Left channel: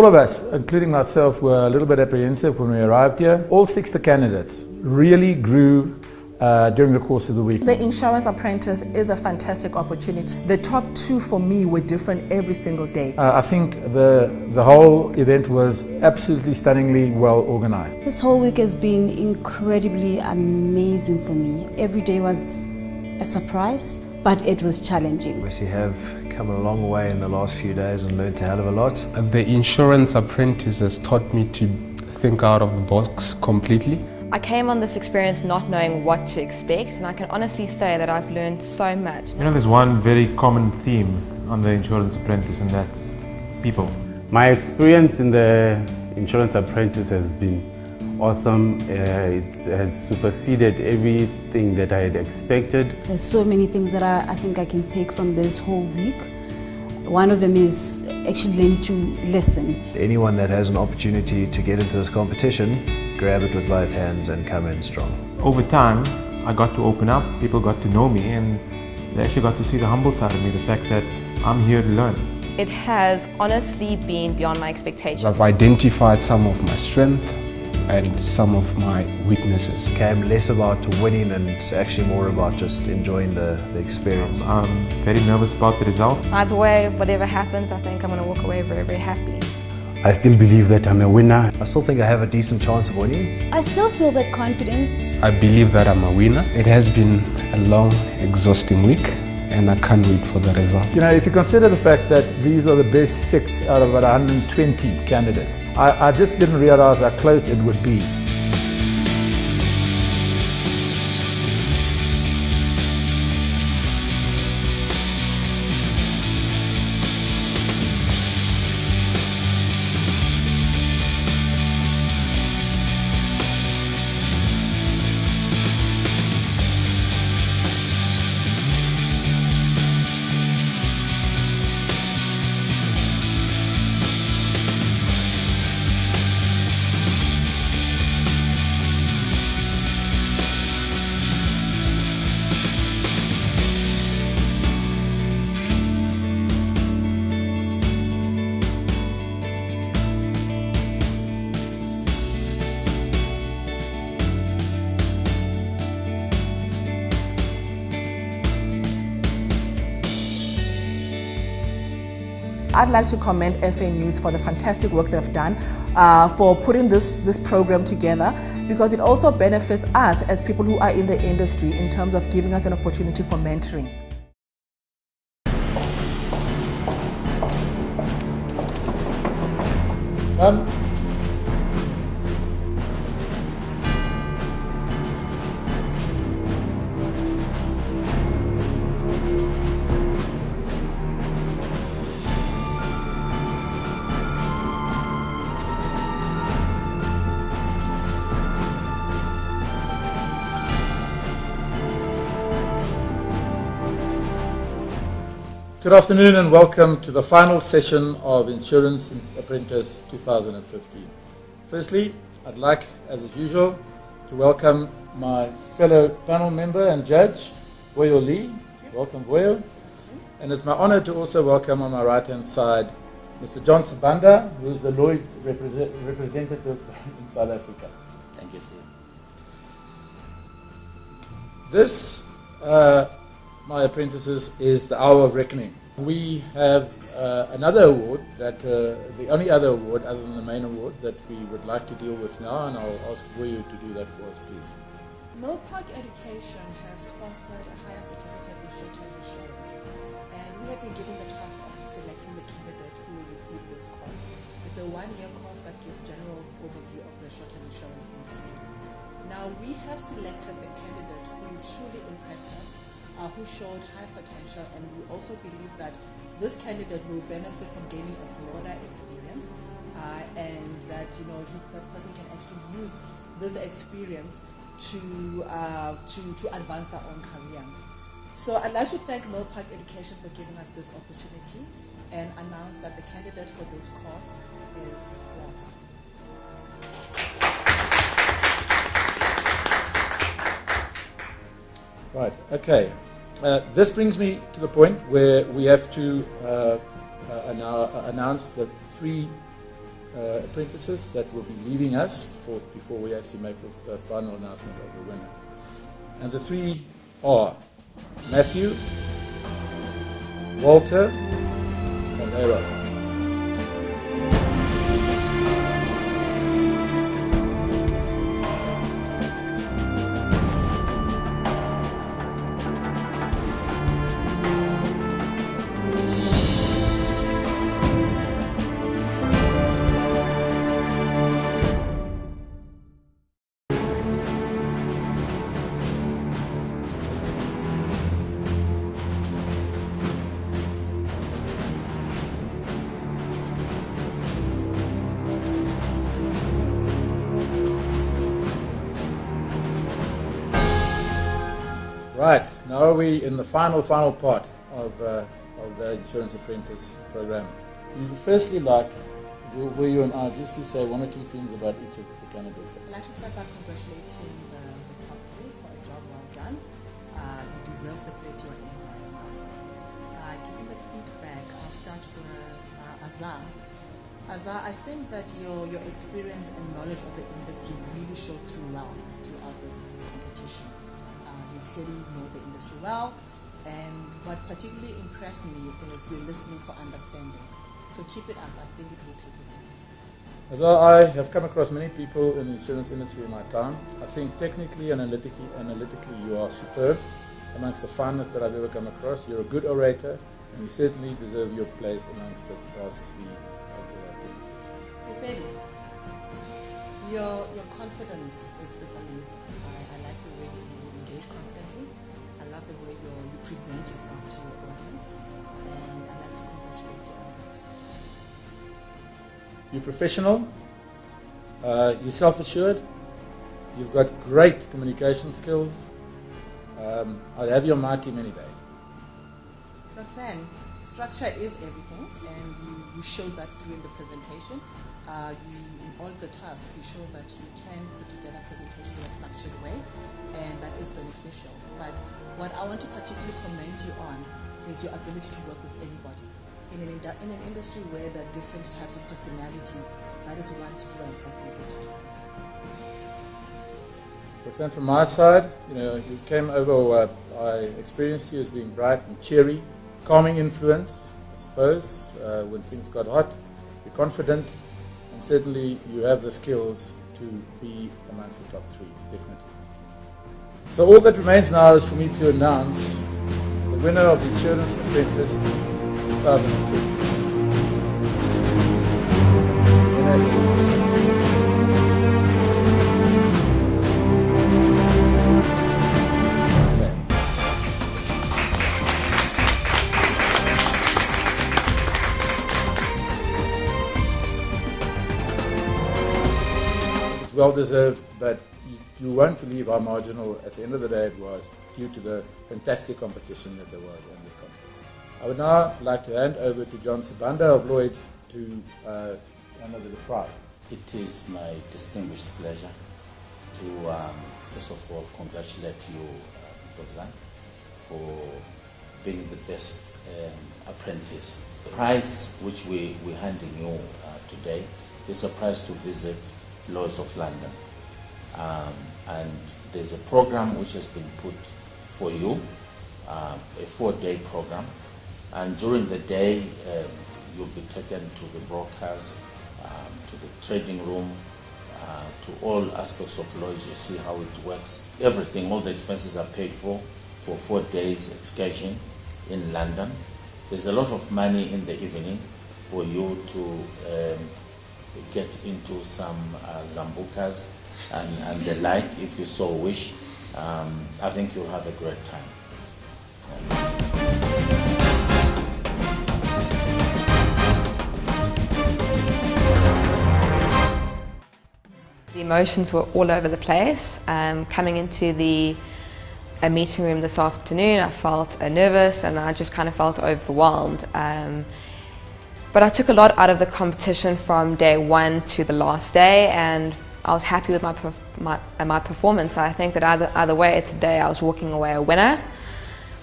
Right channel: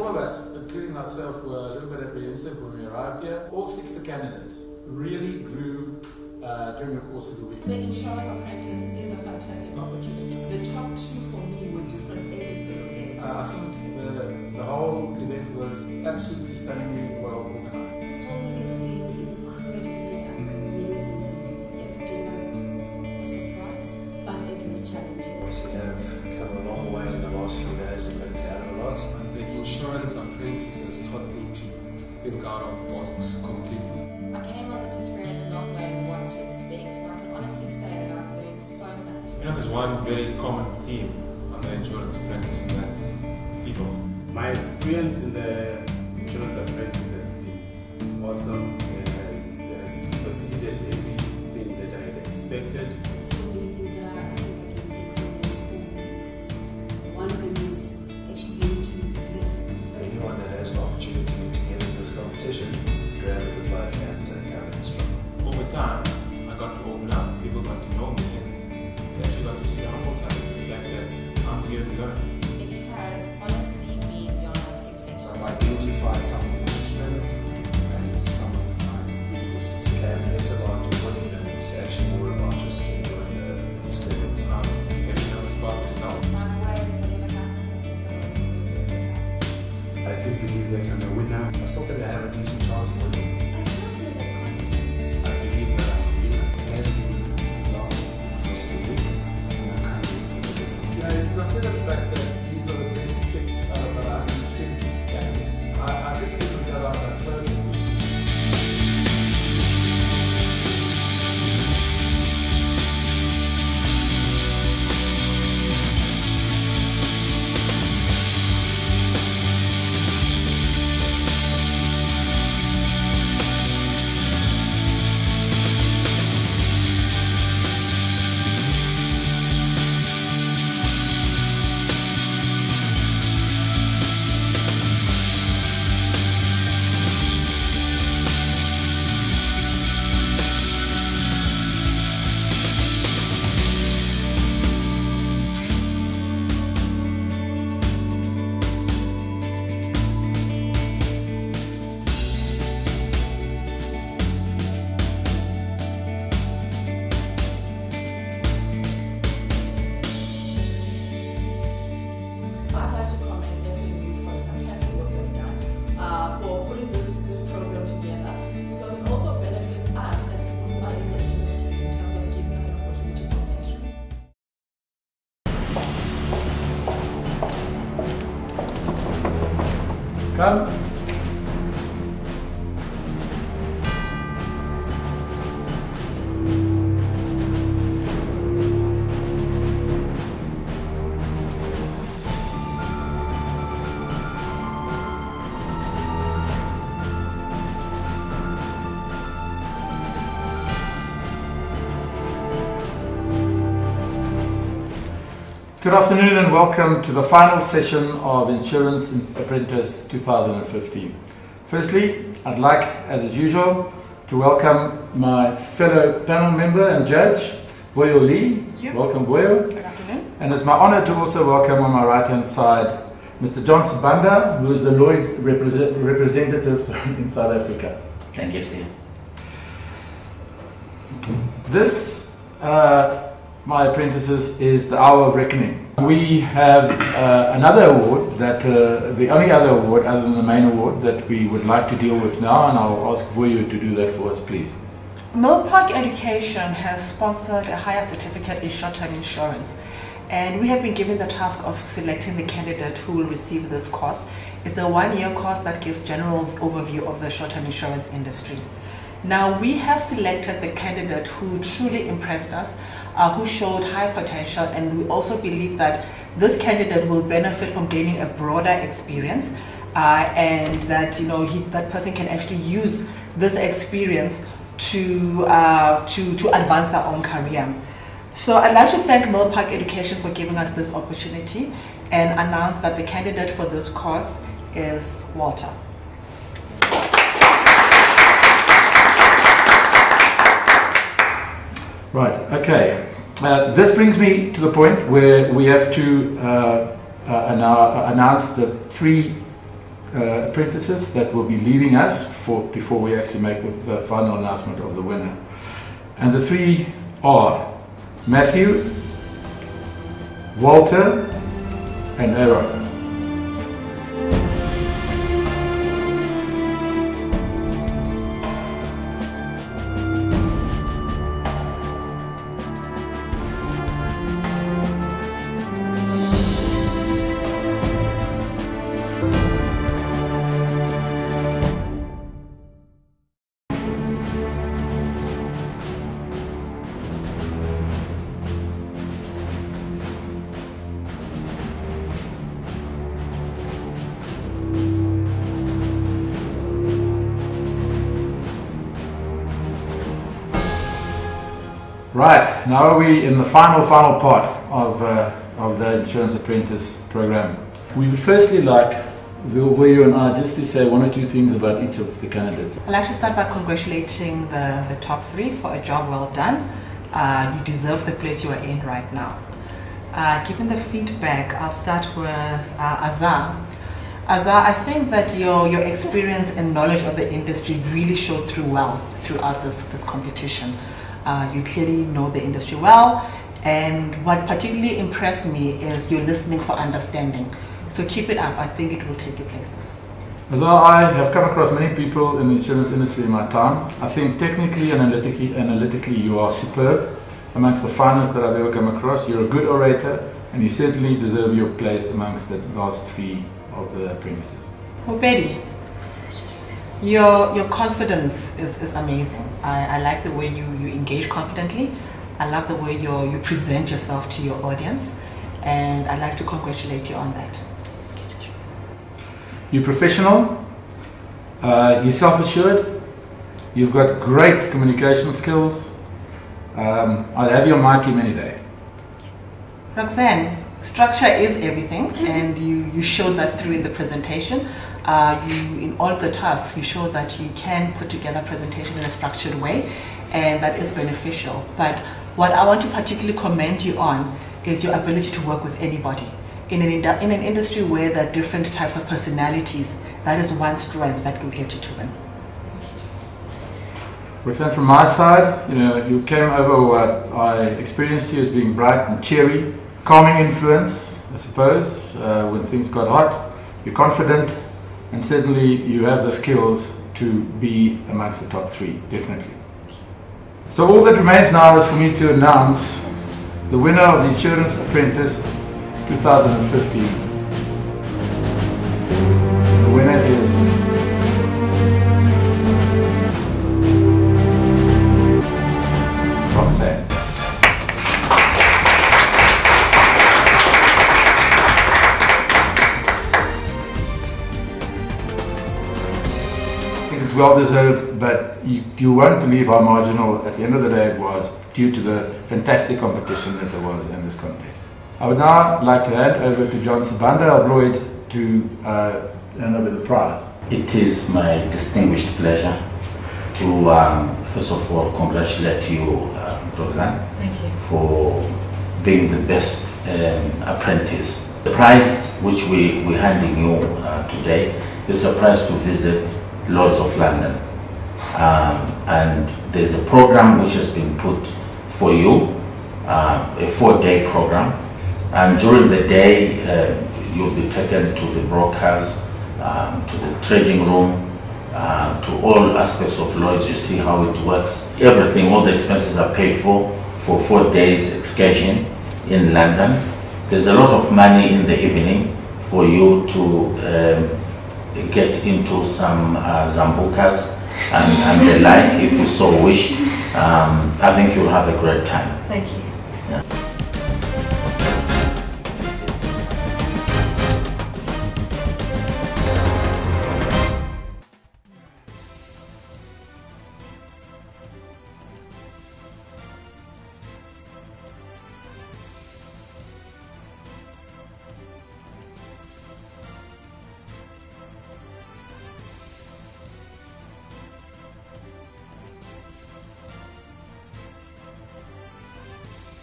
all of us, including myself, were a little bit apprehensive when we arrived here. All 6 candidates really grew during the course of the week. The Insurance Apprentice is a fantastic opportunity. The top 2 for me were different every single day. I think the whole event was absolutely stunningly well organized. This whole week has been incredibly amazing for me. Every day was a surprise, but it was challenging. We have come a long way in the last few days and learned a hell of a lot. The Insurance Apprentice has taught me to think out of the box completely. I came on this experience not knowing what to expect, and I can honestly say that I've learned so much. You know, there's one very common theme on the Insurance Apprentice, and that's people. My experience in the Insurance Apprentice has been awesome. It has superseded everything that I had expected. There's so many things that I think I can take from this whole week. One of them is actually learning to listen. Anyone that has an opportunity to get into this competition, grab it with both hands and come in strong. Over time, I got to open up, people got to know me, and they actually got to see the humble side of me, the fact that I'm here to learn. It has honestly been beyond my expectations. I've identified some of my strengths and some of my weaknesses. It became less about winning and it's actually more about just enjoying the experience. I'm very nervous about the result. Either way, whatever happens, I think I'm going to walk away very, very happy. I still believe that I'm a winner. I still think I have a decent chance of winning. I still feel that confidence. I believe that I'm a winner. It has been a long, exhausting week, and I can't wait for the result. You know, if you consider the fact that these are the best 6 out of about 120 candidates, I just didn't realize how close it would be. I'd like to commend FA News for the fantastic work they've done, for putting this program together, because it also benefits us as people who are in the industry in terms of giving us an opportunity for mentoring. Come. Good afternoon and welcome to the final session of Insurance Apprentice 2015. Firstly, I'd like, as is usual, to welcome my fellow panel member and judge, Boyo Lee. Welcome, Boyo. Good afternoon. And it's my honor to also welcome on my right-hand side, Mr. John Sabanda, who is the Lloyd's representative in South Africa. Thank you, Steve. This, my apprentices, is the hour of reckoning. We have another award, that the only other award other than the main award that we would like to deal with now, and I'll ask Voyu to do that for us, please. Millpark Education has sponsored a higher certificate in short-term insurance, and we have been given the task of selecting the candidate who will receive this course. It's a one-year course that gives general overview of the short-term insurance industry. Now, we have selected the candidate who truly impressed us, who showed high potential, and we also believe that this candidate will benefit from gaining a broader experience, and that that person can actually use this experience to advance their own career. So I'd like to thank Millpark Education for giving us this opportunity and announce that the candidate for this course is Walter. Right, okay. This brings me to the point where we have to now announce the 3 apprentices that will be leaving us before we actually make the final announcement of the winner. And the three are Matthew, Walter, and Aaron. Right, now we're in the final part of the Insurance Apprentice program. We would firstly like Vilvoyo and I just to say one or two things about each of the candidates. I'd like to start by congratulating the top three for a job well done. You deserve the place you are in right now. Given the feedback, I'll start with Azar. Azar, I think that your experience and knowledge of the industry really showed through well throughout this competition. You clearly know the industry well, and what particularly impressed me is your listening for understanding. So keep it up. I think it will take you places. As I have come across many people in the insurance industry in my time, I think technically and analytically you are superb. Amongst the finest that I've ever come across, you're a good orator, and you certainly deserve your place amongst the last three of the apprentices. Well, Betty, your confidence is amazing. I like the way you engage confidently. I love the way you present yourself to your audience, and I'd like to congratulate you on that. You're professional, you're self-assured, you've got great communication skills. I'll have you on my team any day. Roxanne, structure is everything, and you showed that through in the presentation. In all the tasks, you showed that you can put together presentations in a structured way, and that is beneficial. But what I want to particularly commend you on is your ability to work with anybody. In an industry where there are different types of personalities, that is one strength that will get you to win. Roxanne, from my side, you came over what I experienced you as being bright and cheery, calming influence, I suppose, when things got hot. You're confident, and certainly you have the skills to be amongst the top three, definitely. So all that remains now is for me to announce the winner of the Insurance Apprentice 2015. The winner is Roxanne. It's well deserved, but you won't believe how marginal at the end of the day it was due to the fantastic competition that there was in this contest. I would now like to hand over to John Sibanda of Lloyd's to hand over the prize. It is my distinguished pleasure to first of all congratulate you, Roxanne, for being the best apprentice. The prize which we're handing you today is a prize to visit Lloyd's of London. And there's a program which has been put for you, a 4-day program. And during the day, you'll be taken to the brokers, to the trading room, to all aspects of Lloyd's. You see how it works. Everything, all the expenses are paid for 4 days excursion in London. There's a lot of money in the evening for you to get into some zambukas and the like, if you so wish. I think you'll have a great time. Thank you. Yeah. The emotions were all over the place. Coming into a meeting room this afternoon, I felt nervous and I just kind of felt overwhelmed. But I took a lot out of the competition from day one to the last day, and I was happy with my performance. I think that either way today I was walking away a winner.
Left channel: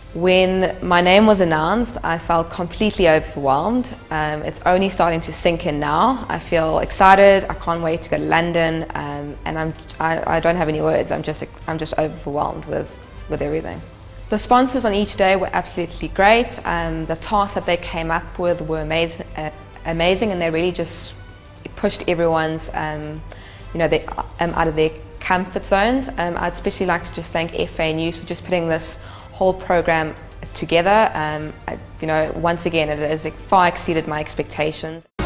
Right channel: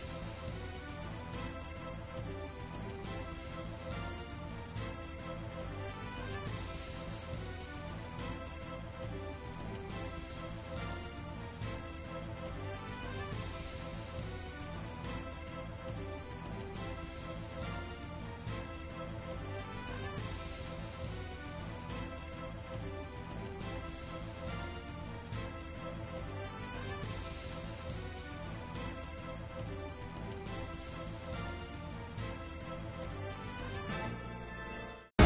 When my name was announced, I felt completely overwhelmed. It's only starting to sink in now. I feel excited. I can't wait to go to London, and I don't have any words. I'm just overwhelmed with everything. The sponsors on each day were absolutely great. The tasks that they came up with were amazing, and they really just pushed everyone's, out of their comfort zones. I'd especially like to just thank FA News for just putting this whole program together. Once again, it has far exceeded my expectations.